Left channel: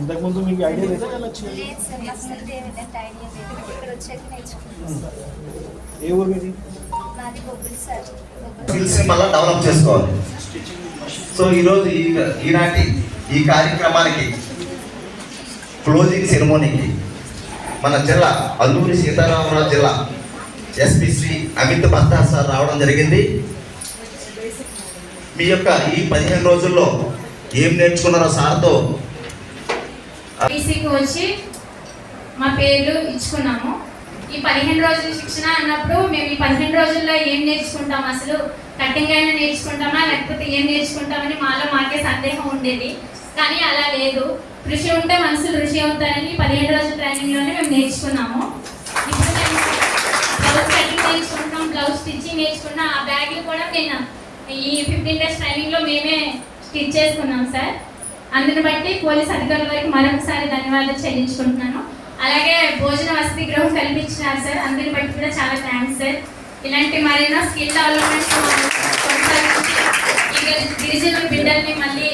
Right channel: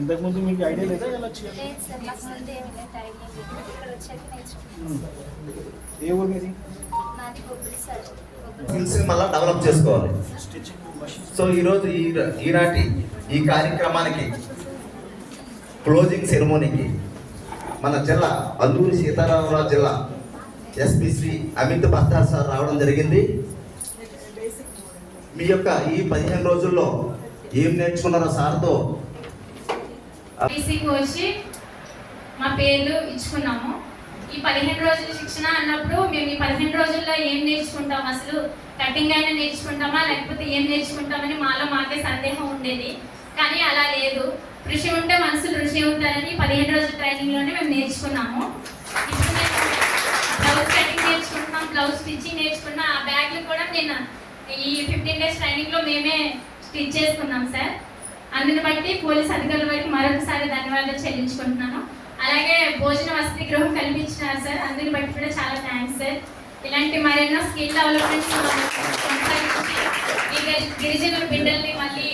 ఇంతకుముందు మీకు ఐడియా లేదా ఎలా లేదు సార్, నాకు ముందు ఏమిటంటే ఐడియా లేదు. ఇక్కడ వచ్చాక నేర్చుకున్నాను. ఏ ఊరు ఇది? నాది బొబ్బిలి సార్. స్కిల్స్ మళ్ళీ డెవలప్ చేసుకోవాలి. సో ఈరోజు ఈనాటి ఈ కార్యక్రమానికి క్లోజింగ్ సెరమోనీకి మన జిల్లా అల్లూరి సీతారామరాజు జిల్లా ఎస్పీ శ్రీ అమిత్ బస్తా సార్ రావడం జరిగింది. మీ యొక్క ఈ 15 రోజుల్లో ఏం నేర్చుకున్నారో సార్తో బీసీకి వచ్చి మా పేర్లు ఇచ్చుకున్నాము. ఈ 15 రోజుల శిక్షణ అన్నప్పుడు మేము ఈ 15 రోజుల్లో ఏం నేర్చుకుంటాం, అసలు కటింగ్ అయినా నేర్చుకుంటామా లేకపోతే ఏం నేర్చుకుంటామని మాకే సందేహం ఉండేది. కానీ అలా లేదు. కృషి ఉంటే మనుషులు ఋషి అవుతారని 15 రోజుల ట్రైనింగ్లోనే మేము నేర్చుకున్నాము. ఇప్పుడు మేము బ్లౌజ్ కటింగ్ నేర్చుకుంటున్నాం, బ్లౌజ్ స్టిచ్చింగ్ నేర్చుకున్నాం. ఆ బ్యాగ్లు కూడా నేను ఈ 15 డేస్ ట్రైనింగ్లో మేమే స్టిచ్ చేసుకున్నాం సార్. అందుని బట్టి పోలీస్ అధికారుల వరకు మరొకసారి ధన్యవాదాలు చెల్లించుకుంటున్నాను. అలాగే భోజన వసతి గృహం కల్పించినారు సార్, అందుని బట్టి కూడా చాలా థ్యాంక్స్ సార్. ఇలాంటి మరెన్నో స్కిల్ డెవలప్మెంట్స్ కొనసాగించి గిరిజనుల బిడ్డల్ని మళ్ళీ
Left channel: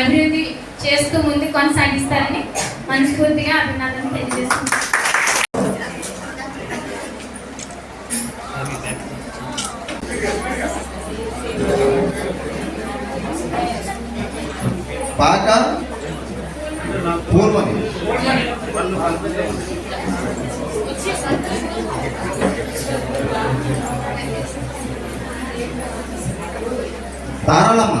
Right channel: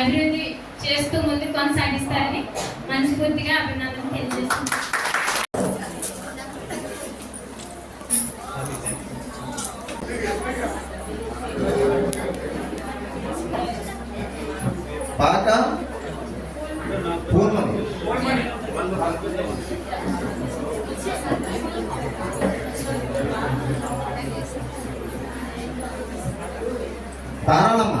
అభివృద్ధి చేస్తూ ముందుకు కొనసాగిస్తారని మనస్ఫూర్తిగా అభినందనలు తెలియజేస్తున్నాను. పాట పూర్వని తారాళమ్మ